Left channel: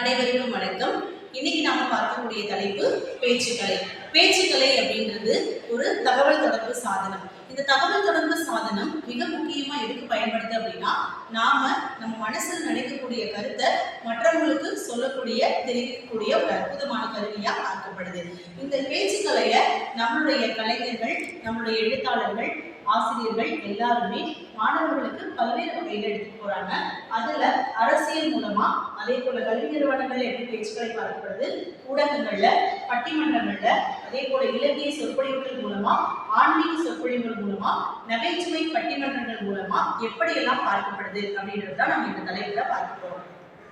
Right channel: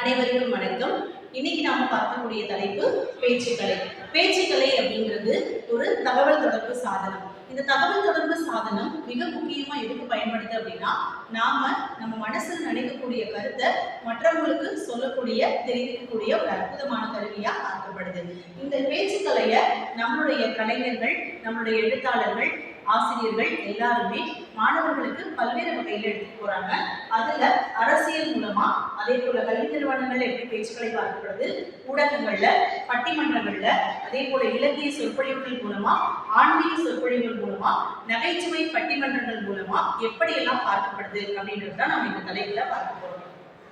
அனைவருக்கும் வணக்கம். இன்னைக்கு நாம பார்க்கக்கூடிய தலைப்பு பேச்சுக்கலை. பேச்சுக்கலை அப்படின்றது ஒரு தகவல் தொடர்பு சாதனம். இந்த தகவல் தொடர்பு சாதனம் மிக முக்கியமா எதுக்கு பயன்படுது அப்படின்னா நாம நம்ம மனசுல நினைக்கக்கூடிய கருத்தை மற்றவங்களுக்கு சொல்லக்கூடிய தெரிவிக்கக்கூடிய ஒரு அற்புதமான கருவியா பார்க்கப்படுது. இந்த பேச்சுக்கலைய நம்மளுடைய கலைஞர்கள் நம்மளுடைய எழுத்தாளர்கள் ஆசிரியர்கள் எல்லாருமே மாணவர்களுக்கு பல்வேறு வகையில் எடுத்துட்டு போறாங்க. அதுல அரசியல் மூலமா அதே போல கல்வி நிறுவனங்கள்ல எப்படி பேச்சுக்களை பார்க்கப்படுது ஊடகங்கள்ல பட்டிமன்றங்கள்ல அதே போல இலக்கிய சொற்பொழிவுகள் மூலமா ஆன்மீக சொற்பொழிவுகள் மூலமா நகைச்சுவை பட்டிமன்றங்கள் மூலமா எப்படியெல்லாம் பார்க்கப்படுது அப்படின்றது தான் நம்ம இந்த தலைப்புல பார்க்க போறோம்.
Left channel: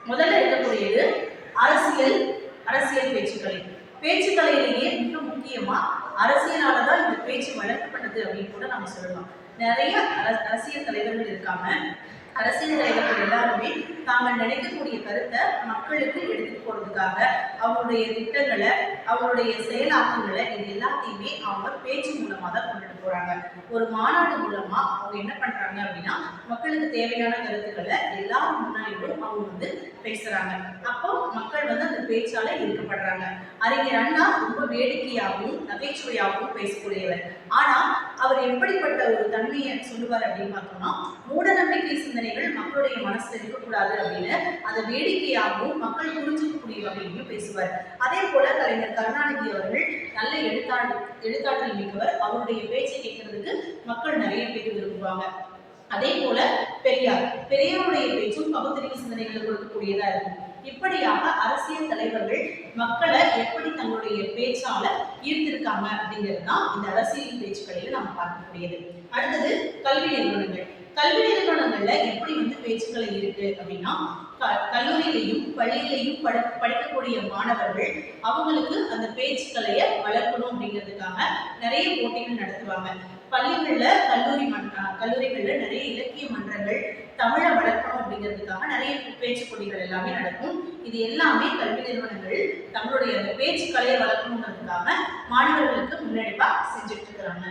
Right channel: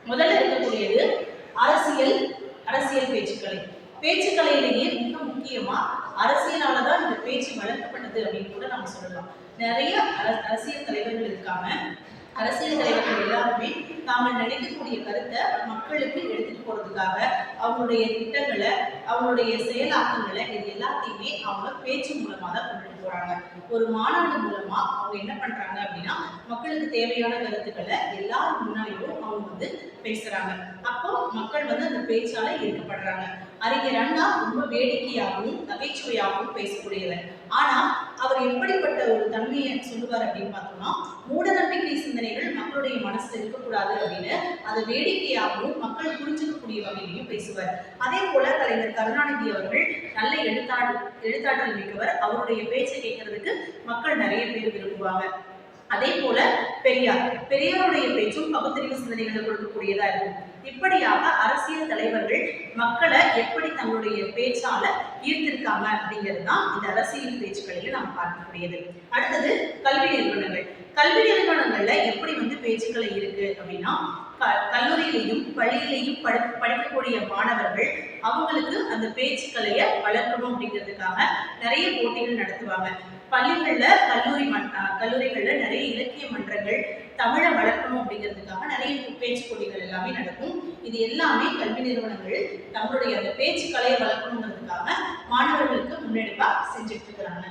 முதல்ல இருக்கக்கூடியது அரசியல் அரசியல் பேச்சுக்களை. பேச்சுக்கலையிலேயே மிக முக்கியமா அரசியலால தான் இந்த பேச்சு வளர்க்கப்பட்டது அப்படின்னு கூட நம்ம சொல்லலாம். நிறைய அர- அரசியல் தலைவர்கள் இருக்காங்க. அரசியல் தலைவர்கள் எல்லாருமே தாங்கள் நினைக்கக்கூடிய கருத்தை மக்களுக்கு எடுத்துட்டு போறதுக்காக அவங்களுடைய திட்டங்களை அவங்களுடைய செயலாக்கங்களை இது எல்லாத்தையுமே அவங்க பேச்சு மூலமா தான் கொண்டுட்டு போறாங்க. ஒரு மாநாடு மூலமா அவங்க என்ன பண்றாங்க அப்படின்னா மக்களுக்கு தேவையான கருத்துக்களை எல்லாரும் முன்னாடியும் அவங்க வந்து பேசுறாங்க. அப்போ மக்கள் வந்து அந்த பேச்சால ஈர்க்கப்படுறாங்க. அறிஞர் அண்ணா ரொம்ப வேடிக்கையாகவும் நகைச்சுவையாகவும் பேசக்கூடியவர். ஆனா அவர் எப்படிப்பட்ட ஒரு தன்மையை சொல்லுவார் அப்படின்னு பார்த்தோம்னா மூடநம்பிக்கை சிந்தனைகள் மக்களுடைய மனசுல இருக்கக்கூடாது அப்படின்னு அதை வேடிக்கையாகவும் மக்கள் புரிஞ்சுக்கக்கூடிய வகையிலையும் பேசுவார். அதே போல கலைஞர் கருணாநிதி அவர்கள் நல்ல எழுத்தாளர் எழுத்தாற்றல் மிக்கவர். அவருடைய பேச்சை கேட்கறதுக்கு மக்கள் நிறைய பேர் விரும்புவாங்க. அதே போல பெரியார். பெரியாருடைய பேச்சும் பகுத்தறிவு சிந்தனைகளை கொடுக்கக்கூடியதா இருக்கும். இப்படியாக அரசியல் தலைவர்கள் மக்களை எப்படி தங்களுடைய பேச்சால ஈர்த்திருக்காங்க அப்படிங்கிறது தான் இந்த அரசியல் பேச்சுக்களையும் நம்ம பார்க்கக்கூடியது. அடுத்தது கல்வி நிறுவனங்கள். கல்வி நிறுவனங்கள்ல எப்படி வந்து பேச்சுக்களை இருக்கு அப்படின்னா க- கல்லூரியிலையும் பள்ளியிலையும் படி படிக்கக்கூடிய மாணவர்கள் அவங்களுக்கு அந்த பேச்சுக்கலைய வளர்க்கணும் அப்படிங்கிறதுக்காக நிறைய போட்டிகள் நடத்துவாங்க. பள்ளிகள்ல கல்லூரி மன் கல்லூரிகளில் நிறைய இலக்கிய மன்றங்கள் தமிழை வளர்க்கணும் அப்படிங்கிறதுக்காக நிறைய பேச்சு போட்டிகள் எல்லாமே நடக்கும். இது எல்லாமே கல்வி நிறுவனங்கள் தங்களுடைய அந்த பேச்சு கலையை வளர்க்கணுங்கிறதுக்காக மாணவர்களுக்கு முன்னெடுப்பாக செஞ்சுட்டு இருக்கிறாங்க.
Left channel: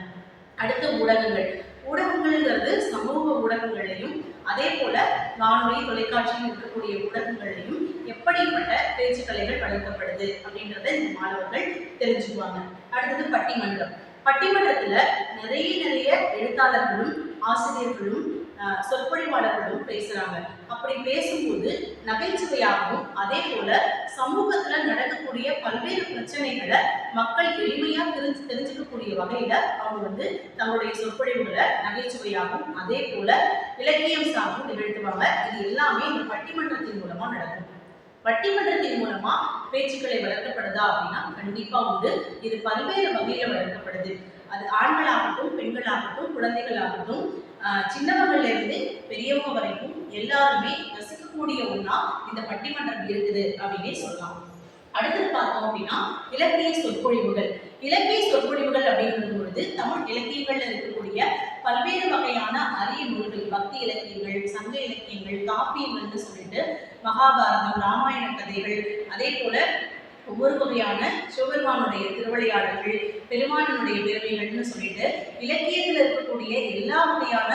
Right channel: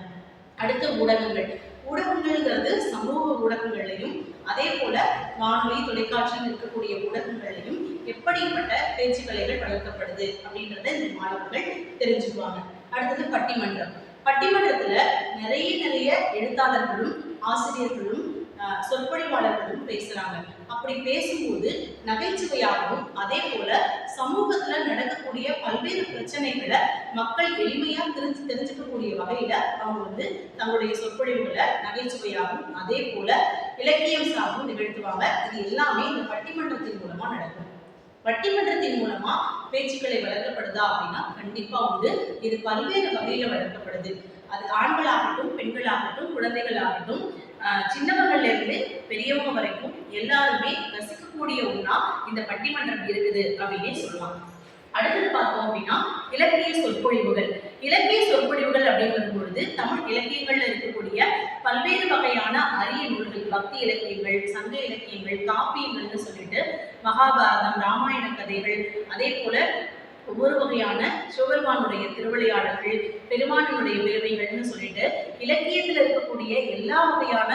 அடுத்த ஊடகங்கள். ஊடகங்கள்ங்கிறது சமூக ஊடகங்கள்லையும் அதே போல வானொலி தொலைக்காட்சியில் இருக்கக்கூடிய ஊடகங்கள்லையும் எப்படிப்பட்ட பேச்சுக்கலைகள் வளர்க்கப்படுது அப்படின்றத இந்த மாணவர்கள் தெரிஞ்சுக்குவாங்க. அடுத்தது பட்டிமன்றம். பட்டிமன்றத்துல நிறைய நிறைய எழுத்தாளர்களும் ஆசிரியர்களும் சொற்பொழிவாளர்களும் பேசுறாங்க. அப்படி பேசும்போது நகைச்சுவையாகவும் அதே போல சமூகத்துல நடக்கக்கூடிய பல்வேறு பிரச்சனைகளை மக்கள் எளிமையா தெரிஞ்சு தெரிஞ்சுக்கக்கூடிய வகையில அவங்க வந்து தங்களுடைய சொற்பொழிவுகளை நகைச்சுவையாகவும் அதே போல இலக்கியம் சார்பும் நிகழ்த்துவாங்க. இது எல்லாமே இந்த பட்டிமன்றத்தின் மூலமா நடக்கும். பட்டிமன்றத்தின் மூலமா பேச்சுக்களை வளர்க்கப்படுதா அப்படின்னா கண்டிப்பா உண்டு. இது பல்வேறு வகையில வளர்க்கப்படுது. அது ஆண்களாகட்டும் பெண்களாகட்டும் குழந்தைகளாகட்டும் ஆஹ் சின்னவங்கள்ல இருந்து பெரியவங்க வரைக்கும் எல்லாருமே ரசிக்கக்கூடிய ஒண்ணா இந்த பட்டிமன்றம் இருக்குது அப்படின்னே சொல்லலாம். அடுத்தது பார்த்தோம் அப்படின்னா இலக்கிய சொற்பொழிவுகள். இலக்கிய சொற்பொழிவுகள் அப்படிங்கிறது பொழுது தமிழ் இலக்கியங்கள்ல இருக்கக்கூடிய பல்வேறு வகையான அரிய நூல்கள் பக்தி இலக்கியங்கள் சங்க இலக்கியங்கள் காப்பியங்கள்னு சொல்லிட்டு மகாபாரதம் ராமாயண கதைகள் அதே போல ஒவ்வொரு வகையான சிவபெருமானுடைய திருவிளையாடல்கள் பெருமானுடைய பெருமைகள்னு சொல்லிட்டு இலக்கியத்தில் இருக்கக்கூடிய எல்லா வகையான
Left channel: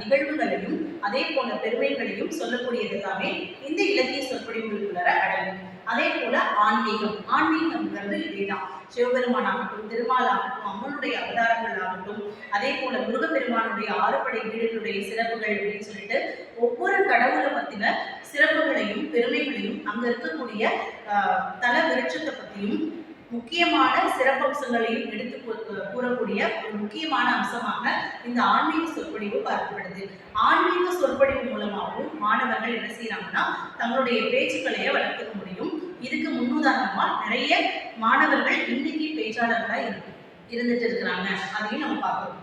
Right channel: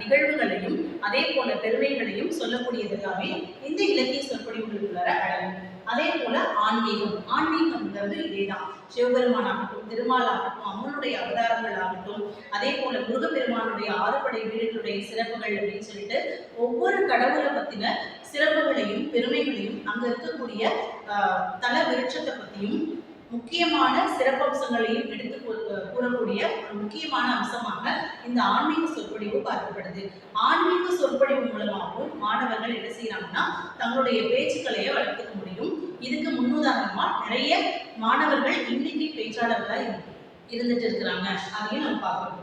நிகழ்வுகளையும் அதே போல பெருமைகளையும் சொல்லக்கூடியது எல்லாமே இந்த இலக்கிய சொற்பொழிவுகளுக்குள்ளார அடங்கும். அதே போல ஆன்மீகம். ஆன்மீகம்ங்கிறது இதேதான். சிவபெருமான் ஆகட்டும் திருமால் ஆகட்டும் அம்மனுடைய அவதாரங்கள் ஆகட்டும் அதே போல முருகப்பெருமானுடைய ஆறுபடை வீடுகளுடைய சிறப்புகள் அப்படின்னு சொல்லிட்டு ஒவ்வொரு கடவுளை பத்தின சிறப்புகளையும் பெருமைகளையும் அங்க இருக்கக்கூடிய தல விருட்சத்தை பத்தியும் முக்கியமான சிறப்பம்சங்களையும் எடுத்து கூறக்கூடிய ஒரு முக்கியமான அம்சமாக இந்த ஆன்மீக சொற்பொழிவு பார்க்கப்படுது. ஆன்மீக சொற்பொழிவு மூலமாகவும் மாணவர்கள் என்ன செய்யறாங்கன்னா தங்களுடைய பேச்சுக்களையே வளர்த்துக்க முடியும். இதுக்கு முன்னுதாரணமா நிறைய மாணவர்கள் இன்னைக்கு பேச்சாளர்களாக இரு- இருந்துட்டு இருக்கிறாங்க. அதையும் நம்ம பார்க்கணும்.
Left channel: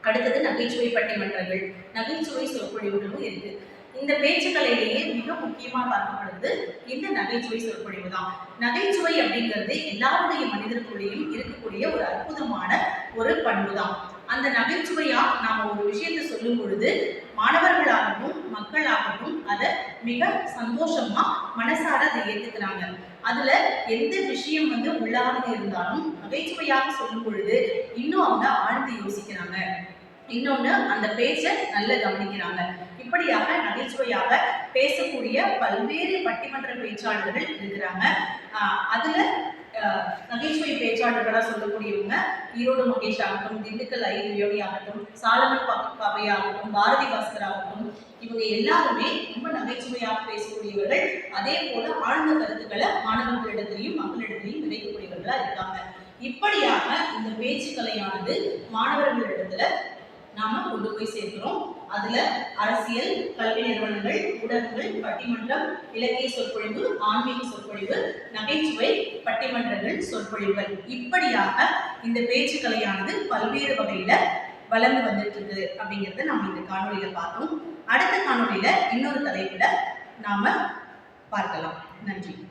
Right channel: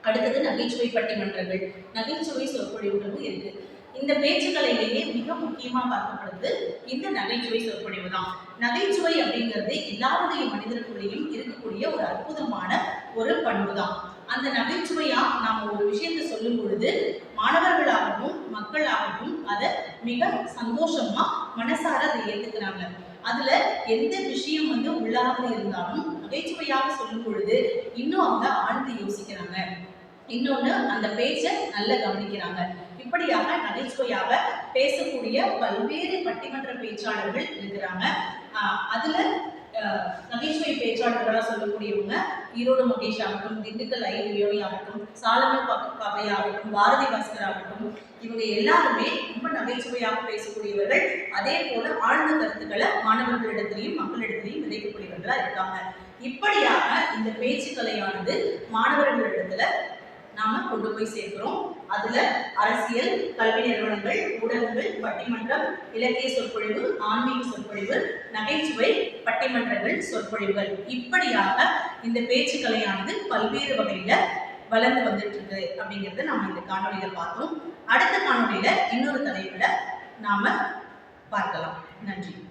அடுத்தது நகைச்சுவை பட்டிமன்றங்கள். நகைச்சுவை சொற்பொழிவுகளும் இருக்கு. இந்த பேச்சுக்கலையிலேயே மிக முக்கியமாக பார்க்கப்படுது இந்த நகைச்சுவை சொற்பொழிவு தான். நகைச்சுவை அப்படிங்கிறது எல்லாருடைய மனிதர்களுடையும் இருக்கக்கூடிய ஒரு அற்புதமான ஒரு பண்பு தான் அந்த நகைச்சுவையா நாம ஒரு விஷயத்தை சொல்லும் பொழுது மக்கள் மக்களாகட்டும் அதை மிக சந்தோஷமா மனசார அதை ஏத்துக்கிறாங்க. அதுல எந்த விஷயம் வந்து உள்ளாக இருந்தாலும் நகைச்சுவையாக சொல்லும் பொழுது இன்னும் அவங்க ஆழ்ந்து யோசிக்கிறாங்க. இன்னொன்னு அந்த பேச்சை நல்லா கவனிக்கிறாங்க. இப்படியாக நகைச்சுவையாக பேசக்கூடிய பல்வேறு பட்டிமன்ற பேச்சாளர்கள் இருக்கிறாங்க. அதுல நகைச்சுவை பேச்சாளர்களா சொல்லக்கூடியவங்க ஈரோடு மகேஷ் ஆகட்டும் திண்டுக்கல் ஐ ஆகட்டும் சாலமன் ப- பாரதி பாஸ்கர் ஆகட்டும் இவங்க எல்லாருமே ரொம்ப நகைச்சுவையாக பேசக்கூடியவர்கள். அதே போல ஆழ்ந்த கருத்துக்களை மாணவர்களிடத்திலையும் மக்களிடத்திலையும் விதைக்கக்கூடியவர்களா இருக்காங்க. இப்படியாக இந்த பேச்சுக்கலையானது மாணவர்களிடத்துல நாம கொண்டு போய் சேர்க்கிறோம். அதுல அரசியல் கல்வி நிறுவனங்கள் ஊடகங்கள் பட்டிமன்றம் இலக்கிய சொற்பொழிவு ஆன்மீக சொற்பொழிவு நகைச்சுவை பட்டிமன்றங்கள் சொற்பொழிவுகள். இப்படியாக இந்த பேச்சுக்கலையானது பல்வேறு வகையில வளர்ந்து வந்துட்டு இருக்கு அப்படிங்கறத நாம இந்த காணொளியில பார்த்தோம். அடுத்த காணொளியில இன்னொரு தலைப்புல நாம பார்க்கலாம். நன்றி.